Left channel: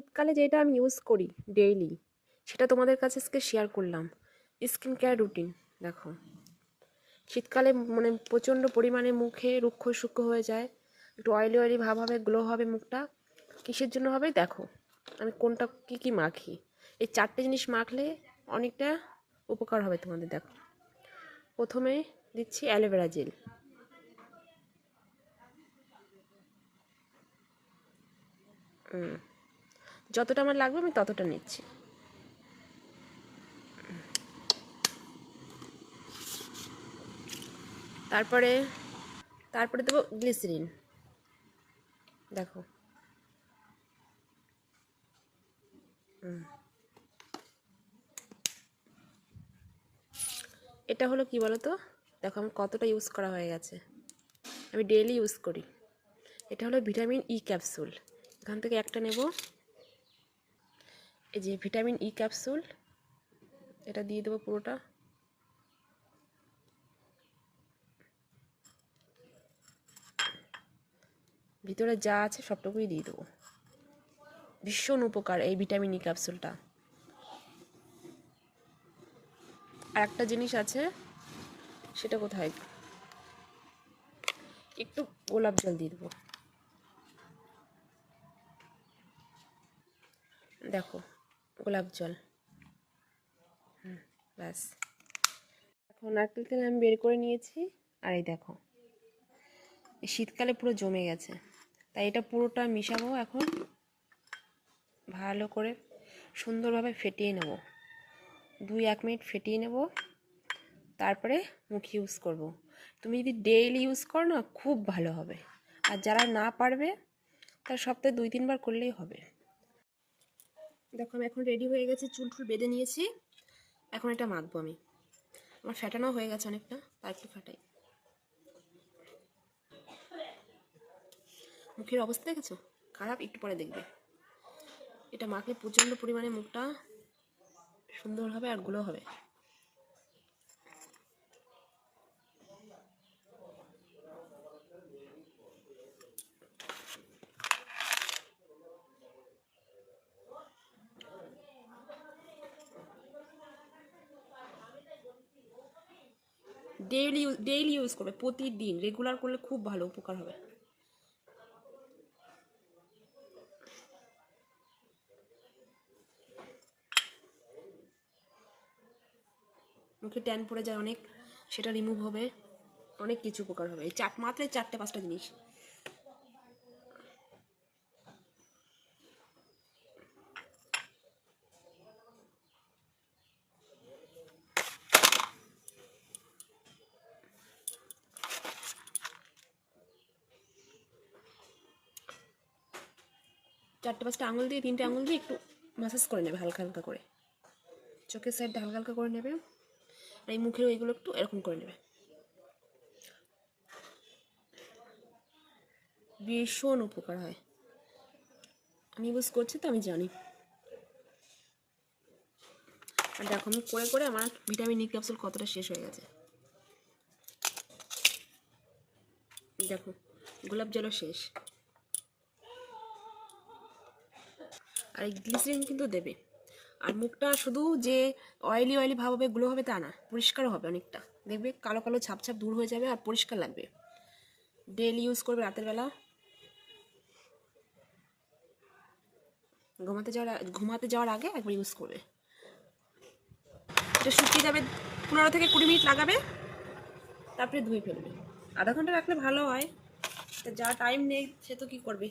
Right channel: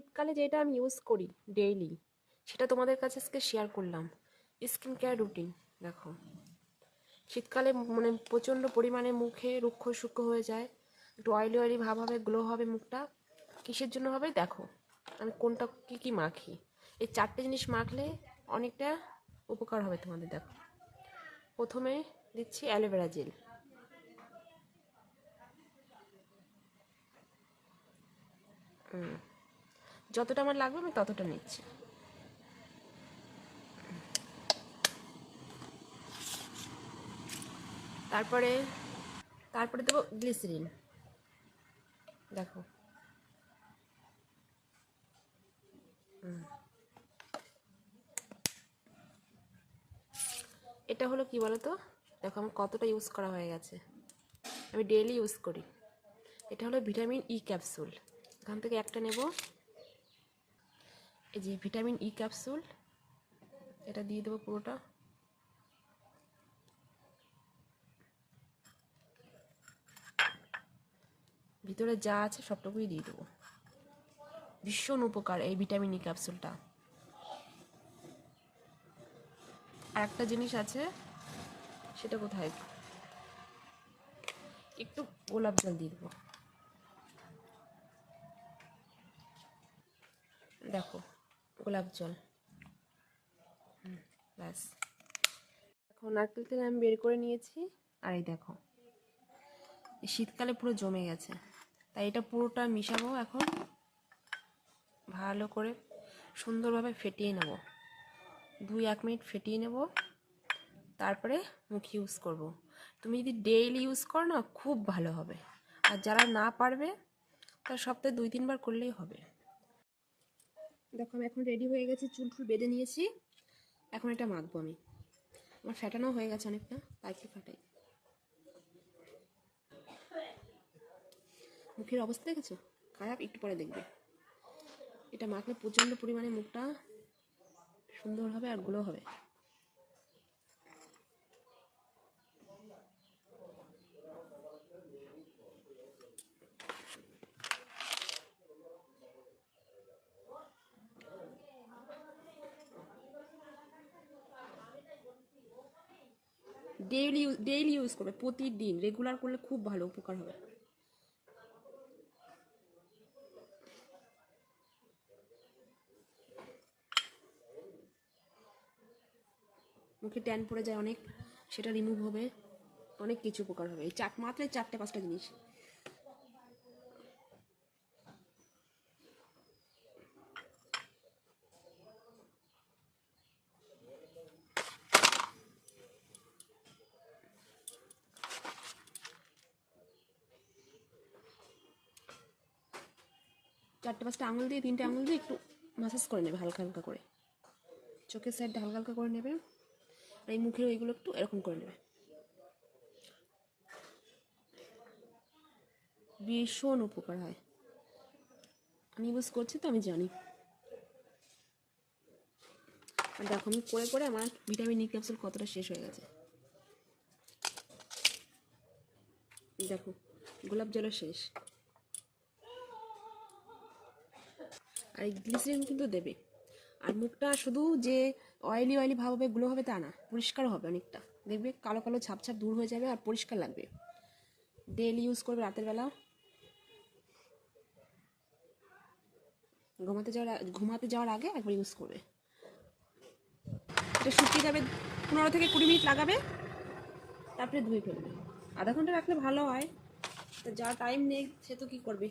শীতকালে যেটা আমি ইউজ করি ডেইলি সেটা তোমাদের কাছে আজকে শেয়ার করলাম। স্কিন কেয়ার রুটিন দেখো। শীতকালে মানে প্রচণ্ড পরিমাণে মুখে রুক্ষ সূক্ষ্ম হয়ে যায়, একটু অয়েলি অয়েলি ভাব হবে গ্লো হবে মুখটা। কিসের জন্য হবে? দেখো, আমি কোনটা, কী কী মাখি? এই চারটে জিনিস মাখলে অনেকটা উপকার হবে তোমাদের, দেখো। প্রথমে দিচ্ছি অ্যালোভেরা জেল। হুম। যতটা আমার লাগবে আমি ততটা নিচ্ছি। তারপরে তারপরে দেবো গ্লিসারিন দেখো। এটা হলো কি বলো তো দেখো আমার কতটা ইউজ করা হয়ে গেছে। আমি ডেইলি ইউজ করি। এটা হলো ভিটামিন ই ক্যাপসুল এখান থেকে একটা নেব। এই যে ভিটামিন ই ক্যাপসুল এটা দিয়ে দেবো পুরোটা। ভিতরে যা আছে সবটুকুই দিয়ে দেবো। ভীষণ উপকার এই ভিটামিন ই ক্যাপসুলটা আর একটা জিনিস আছে, সেটা কোথায়? একটু গোলাপ জল দিয়ে দেবো। দেখো গোলাপ জল। ব্যাস। এখন নারকেল তেল আমি বের করে নিয়েছি। আর এই দেখো শীতকালে পুরো জমে গেছে। তাই এটা পুরোটা মিশাবো এখন। ভালো করে সুন্দরভাবে ফেটিয়ে নেব। দুই, এক মিনিট ফেটিয়ে নেব। তারপরে মুখ ইউজ করব। তুমি যদি ডেইলি ইউজ করো না, খুব ভালো হবে। আর যারা না পারবে, তারা সপ্তাহে দুই, তিনবার করলেই হবে। দেখো আমি এখন রেডি হয়ে গেছি, চুল টুল বেঁধে নিয়েছি। এখন এটা মাখবো আমি। আমার ফ্যাটানো হয়ে গেছে অনেকটা একটু ফাটাই। মুখের অবস্থা দেখেছ? খারাপ, একটু পরে দেখবে। এটা মাখলে প্রচণ্ড পরিমাণে মুখটা সুন্দর হবে আরগুলো হবে। ডেইলি ডেইলি ইউজ করবে, প্রতিদিন রেগুলার করলে খুব ভালো, উপকার হবে। মুখে ট্যান পড়ে যায় অনেক, সেটা রিমুভ হবে, অনেক কিছু উপকার হবে। চাট মাত্র চারটে, পাঁচটা জিনিস। চারটে পাঁচটা আঙুল দিয়ে, তিনটে আঙুল দিয়ে একটু মাসাজ করে নেবে হালকা হালকা করে। চোখের সাইডটা হালকা হালকা করে নেবে আর এই মুখের ওইগুলো একটু এরকম করে নেবে। ভীষণ উপকার হয়। আমি ইউজ করছি তো, আমি জানি। আর দেখো, আমি করে করে আমার ভিটামিন ই ক্যাপসুল কতটা শেষ হয়ে গেছে। দেখো, গোলাপ জলও শেষ। আর এই গ্লিসারিন কিন্তু দেবে। আর মুখটা শুধু যে অয়েলি অয়েলি ভাব হবে গ্লো হবে তা না পরিষ্কার হবে অনেকটা। দেখবে কালো কালো ছাপ ছাপ দূর হয়ে যাবে আর পরিষ্কার লাগবে। ডেলি ইউজ করবে রাতের বেলা। ঘুমাতে যাওয়ার ঘুমাতে যাওয়ার আগে একবার ইউজ করবে। এটা শুকিয়ে যাবে, পনেরো থেকে কুড়ি মিনিট লাগাবে, তারপরে ধুয়ে ফেলবে। আধা ঘণ্টা রাখলে ভালো হয়। যা টাইম নেই, সে তো কী করবে?